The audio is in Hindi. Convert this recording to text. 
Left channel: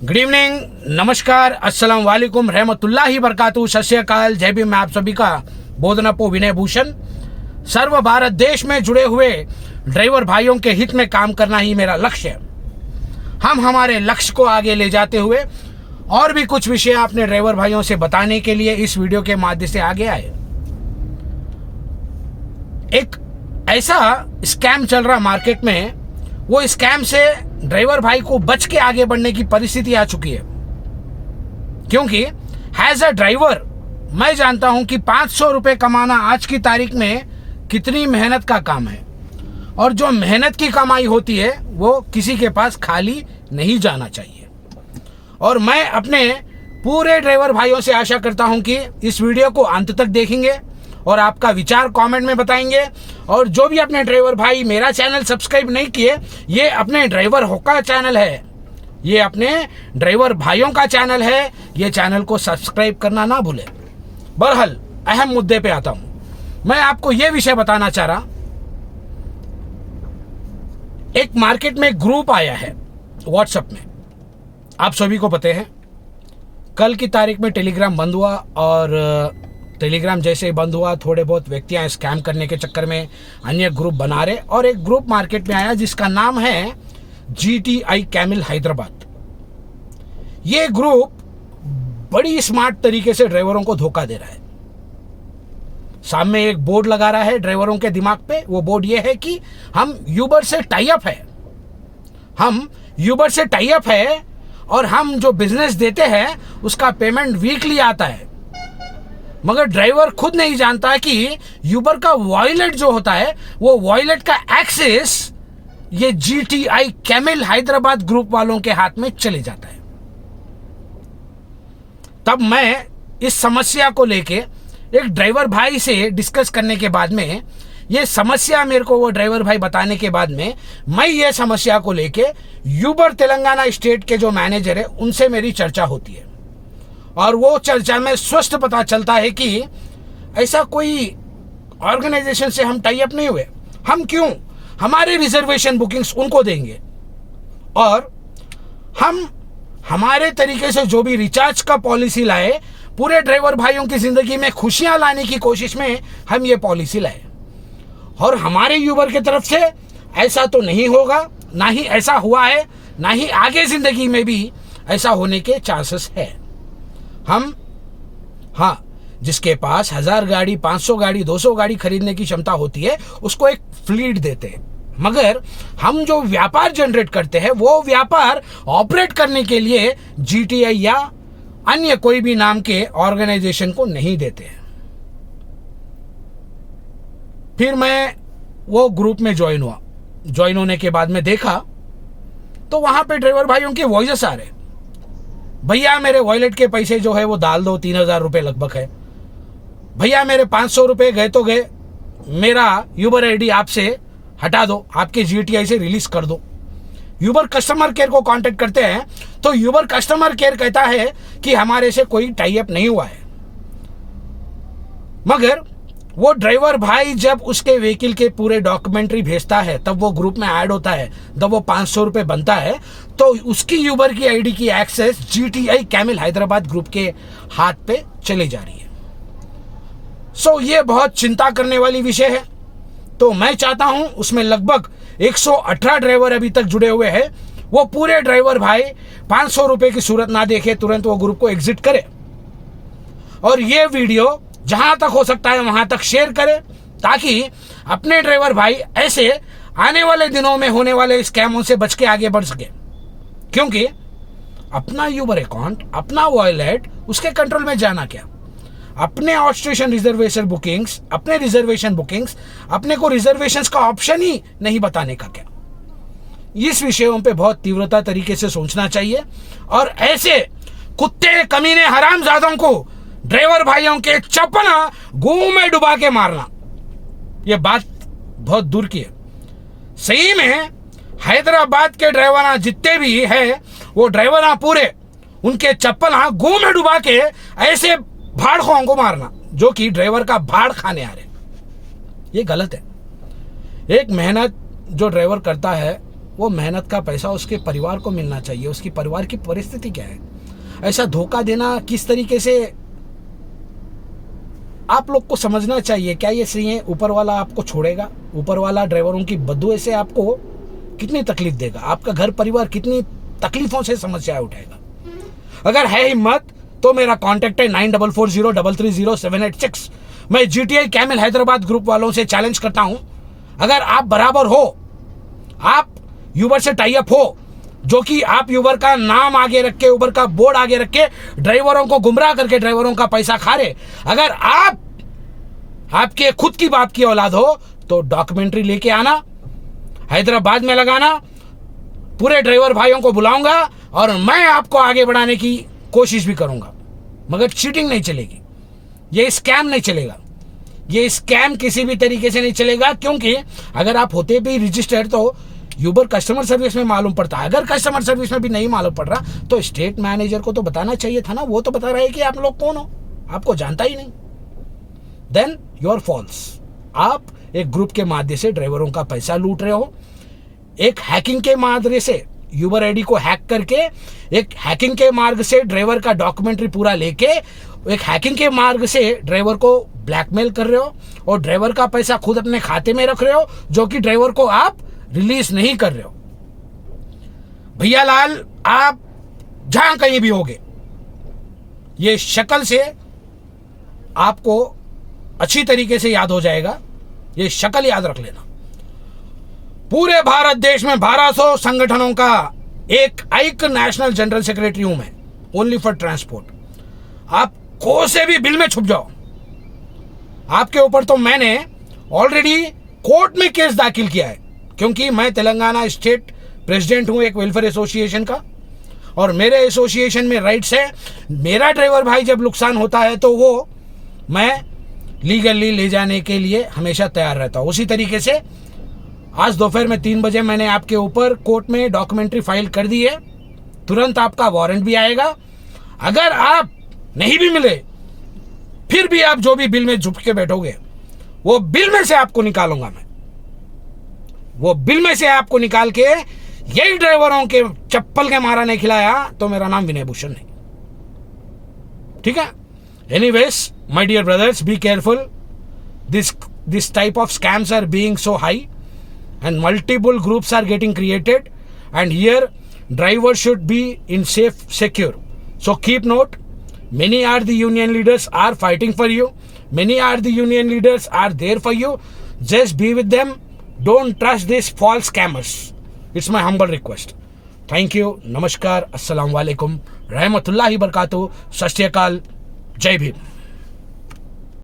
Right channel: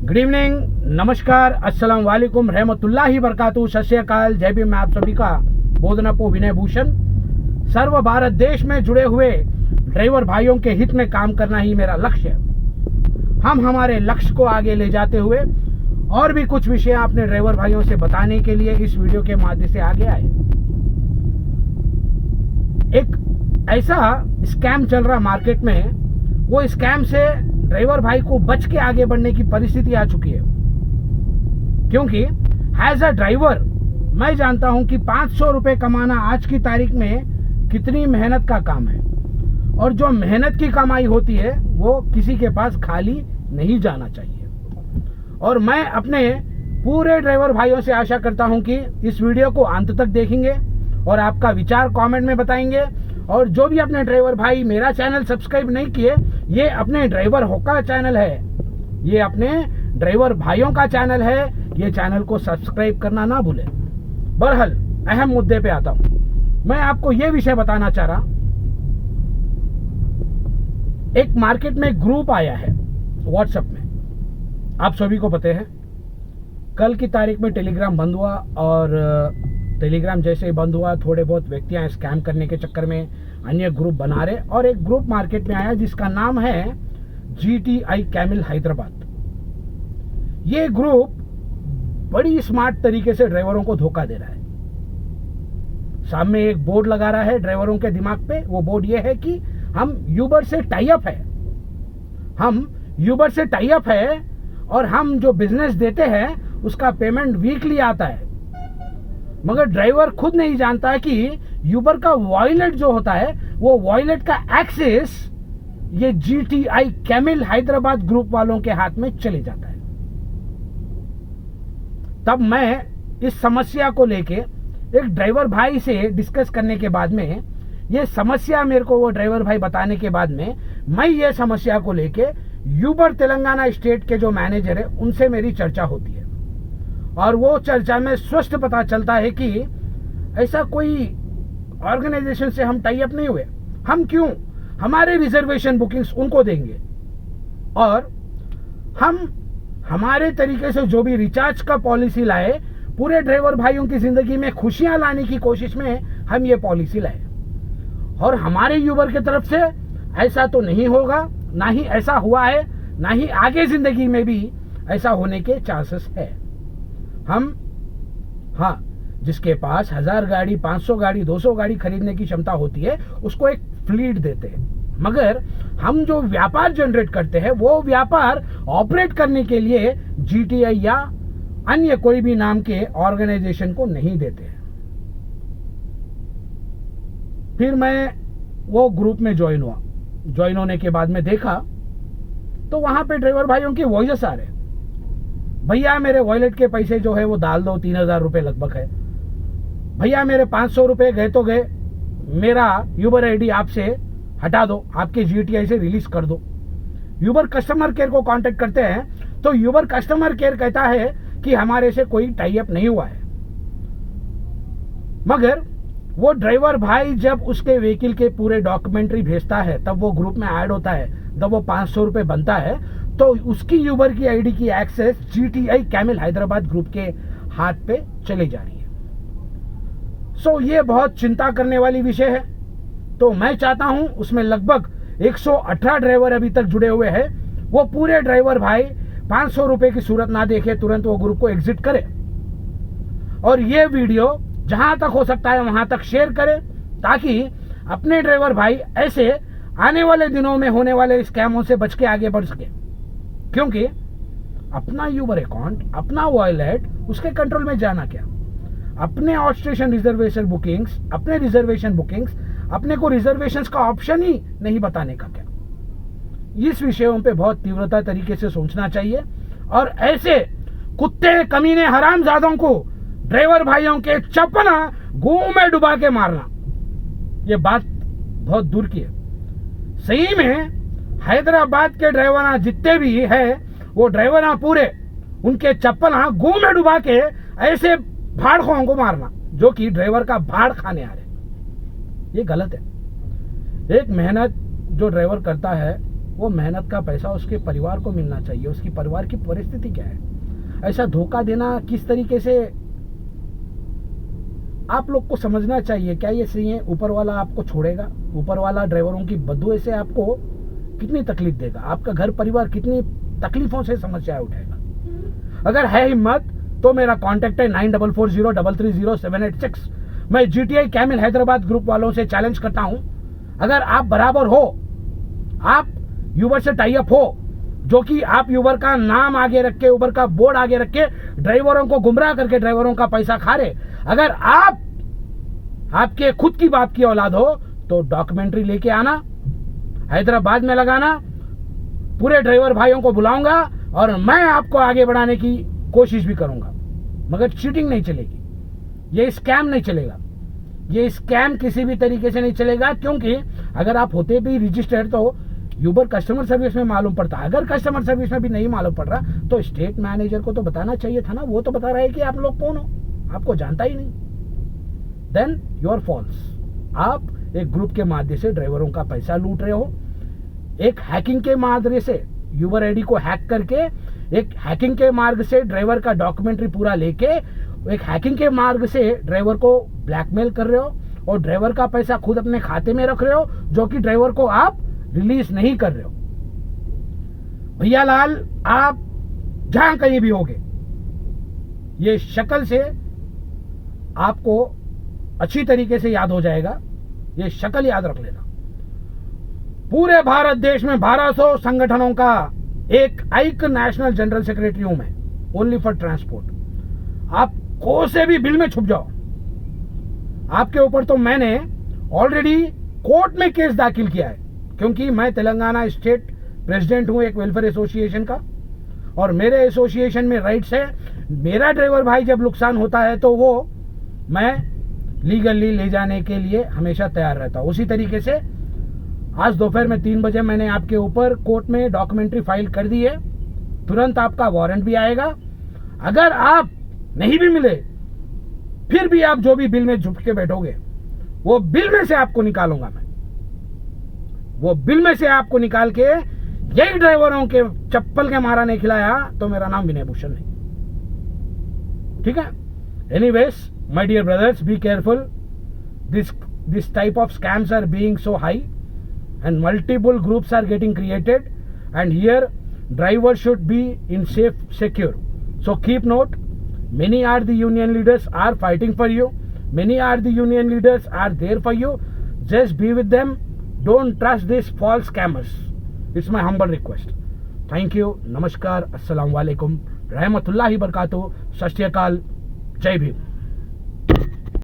गुड इवनिंग, नमस्कार, अस्सलाम वालेकुम, रहमतुल्लाहि बरकातहू, सत श्री अकाल, जय भीम। मैं आप सभी का बोधनपो विनय भूषण। सर्व भारत देश में जुड़े हुए ड्राइवर भाइयों के हित में काम करना ही मेरा लक्ष्य है। हम हमारे लक्ष्य को आगे ले जाते हुए और भी कुछ विषय अपने ड्राइवर भाइयों से बताने के लिए इस वीडियो के माध्यम से आगे आए। एक ऐसा स्कैम चल रहा मार्केट में, वो स्कैम से ड्राइवर भाई को बच के आगे बढ़ने की परिस्थिति आ चुकी है। क्योंकि एज अ ड्राइवर मैं जानता हूं कि 500 रुपए कमाना आज की तारीख में कितनी मेहनत का काम है, और जो मेहनत की कमाई होती है वो किसी के पास खाली नहीं जाना चाहिए। और मैं अपने पूरे ड्राइवर भाइयों से आशा करता हूं कि इस वीडियो को अंत तक देखेंगे और आपका विचार कमेंट में बताएंगे। और जो भी अपने ड्राइवर भाई मेरा चैनल सब्सक्राइब नहीं किए, ये अपने ड्राइवर हो का चैनल है, ये अपने ड्राइवर भाइयों का चैनल है, ये चैनल को सब्सक्राइब करना ना भूले। बहरहाल अहम मुद्दे पे आता हूं। मैं आपको ये विषय बताना चाह रहा, एक मार्केट में ग्रुप आया है व्हाट्सएप में, आप सभी को पता है। कल की तारीख में टेलीग्राम बंद हुआ, और टेलीग्राम जैसे ही बंद हुआ थोड़े बहुत व्यक्तियां स्कैम करने के चक्कर में अन्य ग्रुप बना रहे, और एक ग्रुप मार्केट में आया जिसका नाम है GTI कैमिल हैदराबाद। ये ग्रुप बड़ी स्मार्ट तरीके से ड्राइवरों को धोखा दे रहा है। सामने एक बोर्ड लगा रहा है ड्राइवरों के दिमाग पे, वो बोर्ड ये है कि हम यूबर से टाई अप है, हम यूबर से टाई अप है, और हम जो बिजनेस देते हैं उसका पेमेंट वीकली आता है। मगर ड्राइवर खुद नहीं जानता कि यूबर का वॉलेट जो होता है, वो वॉलेट का एक्सेस ये GTI कैमिल हैदराबाद ग्रुप वालों के हाथ में चले जाता है। तब मैं इस समस्या को लेके एक ड्राइवर भाई से डिस्कस करने के बाद में, ये समस्या मेरे को वो ड्राइवर भाई बताने के बाद में, मैं ये समस्या को लेके यूबर तेलंगाना स्टेट के जो मैनेजर है उनसे मेरी चर्चा होती है। और वो चर्चा में स्पष्ट पता चलता है कि ऐसा कोई ऑर्गेनाइजेशन से हम टाई अप नहीं हुए। हम क्यों हमारे रिजर्वेशन बुकिंग्स उनको देंगे, और हम हमारे तरीके से जो भी रिचार्ज का पॉलिसी लाए, पूरे ड्राइवर भाइयों की जिंदगी में खुशियां लाने की कोशिश में हम ये पॉलिसी लाए। और हमारे यूबर की तरफ से ऐसा तो नहीं होगा, ना ही ऐसा हुआ है, ना ही आगे जिंदगी में भी ऐसा होने के चांसेस है। हम जिसके पास 1000 गाड़ी, 500 गाड़ी, 200 गाड़ी खरीदने की क्षमता होती है उसको एक फ्लीट देते हैं। मगर हम जो व्यापार जनरेट करते हैं वो व्यापार ऑपरेट करने के लिए GTI या अन्य कोई भी नाम के ऑर्गेनाइजेशन को नहीं देते हैं। फिर मैं वो ग्रुप में ज्वाइन हुआ। ज्वाइन होने के बाद में देखा तो वहां पे ड्राइवर भाइयों के वॉइस आ रहे, भैया मेरे वॉलेट के पैसे जो है वो डाल दो, 3000 रुपए लगभग है। भैया मेरे 500 रुपए गए तो गए, मेरा यूबर ID आपसे हटा दो, आपके GTI से रिलीज कर दो। यूबर कस्टमर केयर को कांटेक्ट करते हैं तो यूबर कस्टमर केयर कहता है कि हमारे से कोई टाई अप नहीं हुआ है। मगर वो ड्राइवर भाई जब उसके व्हीकल के पूरे डॉक्यूमेंट्री भेजता है, तब वो ग्रुप में ऐड होता है, तब वो 500 रुपए बनता है, तो उसकी यूबर की ID की एक्सेस GTI कैमिल हैदराबाद ग्रुप के हाथ पे चली जा रही है। सो ये बहुत चिंता करने वाली विषय है। तो मैं चाहता हूं उसमें लगभग 118 ड्राइवर अभी तक जुड़े हुए हैं, वो पूरे ड्राइवर भाई 500 रुपए की सूरत ना देखे, तुरंत वो ग्रुप को एग्जिट करे, और ये वीडियो जहां तक हो सकता है वहां तक शेयर करें, ताकि अपने ड्राइवर भाई ऐसे आने वाले दिनों में होने वाले स्कैमों से बच के आगे बढ़ सके। क्योंकि अपना यूबर अकाउंट, अपना वॉलेट, उसके कंट्रोल में जाना क्या, अपने आउट स्टेशन रिजर्वेशन बुकिंग्स, अपने रिजर्वेशन बुकिंग्स, अपने को रिजर्वेशंस का ऑप्शन ही नहीं बताने का क्या। इस विषयों पे बहुत तीव्रता तरीके से सोचना चाहिए, और ऐसे कुत्ते, कमीने, हरामजादों को ड्राइवर भाइयों के चपना गू में डुबा के मारना, ये बात बहुत दूर की है। सही में हैदराबाद के ड्राइवर जितने भी है, वो ड्राइवर पूरे उनके चप्पल गू में डुबा के ऐसे भाड़खों को मारना जो कि ड्राइवर का भाड़ खाने आ रहे, ये गलत है। एक मेहनत जो ड्राइवर करता है वो मेहनत का पैसा उसके परिवार को मिलना चाहिए। उसकी परिवार की परिस्थिति क्या है, ऐसा धोखा देना किस तरीके से आप लोग को समझना चाहिए। क्या ये सही है? ऊपर वाला आपको छोड़ेगा? ऊपर वाला ड्राइवरों की बददुआ से आपको कितनी तकलीफ देगा? आपका घर परिवार कितनी तकलीफों से समस्या उठाएगा? अगर है हिम्मत तो मेरा कॉन्टेक्ट है 9440330786। मैं GTI कैमल हैदराबाद ग्रुप वालों से चैलेंज करता हूं, अगर आप बराबर हो, आप यूबर से टाई अप हो, जो कि आप यूबर का नाम आगे रख के, ऊबर का बोर्ड आगे रख के ड्राइवरों को गुमराह करके ड्राइवरों का पैसा खा रहे, अगर आप आपके खुद की बाप की औलाद हो तो डॉक्यूमेंट्री लेके आना, हैदराबाद में लगाना, पूरे ड्राइवर भाइयों को बुलाऊंगा और मैं आपको आगे बढ़ाने की कोशिश भी करूंगा। मगर चीटिंग नहीं चलेगी, ये स्कैम नहीं चलेगा, ये स्कैम किसी भी तरीके से नहीं चलेगा। क्योंकि अगर आप होते भी रजिस्टर्ड तो यूबर कस्टमर सर्विस में मालूम पड़ता। अगर कस्टमर सर्विस में भी नहीं मालूम पड़ रहा तो स्टेट मैनेजर को तो बताना चाहिए था ना। वो तो बता रहा है कि आप लोग कौन हो, आपको जानता ही नहीं। Then you are false. आप एक ग्रुप के माध्यम से ड्राइवरों का पैसा लूट रहे हो। एक हैकिंग के माध्यम से यूबर आईडी को हैक करके, एक हैकिंग के मार्ग से ड्राइवर का डॉक्यूमेंट्री पूरा लेके, एक हैकिंग के मार्ग से ड्राइवर को ब्लैकमेल कर रहे हो और ड्राइवर का पैसा खुद अपने खाते में रख रहे हो, जो कि ड्राइवर को आप रिलीज नहीं कर रहे हो। भैया लाल, आप जहां कहीं भी होगे, ये शक्ल से आपको अच्छी तरीके से याद हो जाएगा। ये शक्ल याद रख लेना। पूरे भारत देश में 1200 संगठनों का एक नेशनल जनरल सेक्रेटरी हूं मैं, ओनली फॉर ट्रांसपोर्ट। आप को से भी बिल में छुप जाओ, आपके ऊपर तो मैंने ऑलरेडी कोर्ट में केस दाखिल किया है, क्योंकि मैं तेलंगाना स्टेट प्रेसिडेंट हूं एक वेलफेयर एसोसिएशन का, और मेरे एसोसिएशन में राइट्स है। मेरा ड्राइवर भाई जब नुकसान होता है तो वो मैं लीगली ले जाने के लिए हमेशा तैयार रहता हूं। उसी तरीके से आज दोपहर में 3 बजे मैंने आपके ऊपर कोर्ट में डॉक्यूमेंट्री फाइल कर दी है। तुरंत आपका वारंट भी आएगा। अगर आप नहीं भी मिले, फिर भी आप जो भी बिल में झुक के बैठोगे, वो बिल में से आपको निकालूंगा मैं। वो बिल में से आपको निकाल के, यही ड्राइवरों के चप्पल के मारा नहीं खिलाया तो मेरा नाम विनय भूषण नहीं। ठीक है? Anyways, my dear brothers, be careful. This type of scams are being so high and multiple groups are getting created, and here drivers should be in secure. So keep note, many are the union leaders are fighting for you. Many are the union leaders are there for you. Just be with them. Don't trust these false scammers. It's my humble request. Thank you. Namaskar. Assalamu alaikum. Rahmatullahi barakatuh. Sat Sri Akal. Jai Bhim.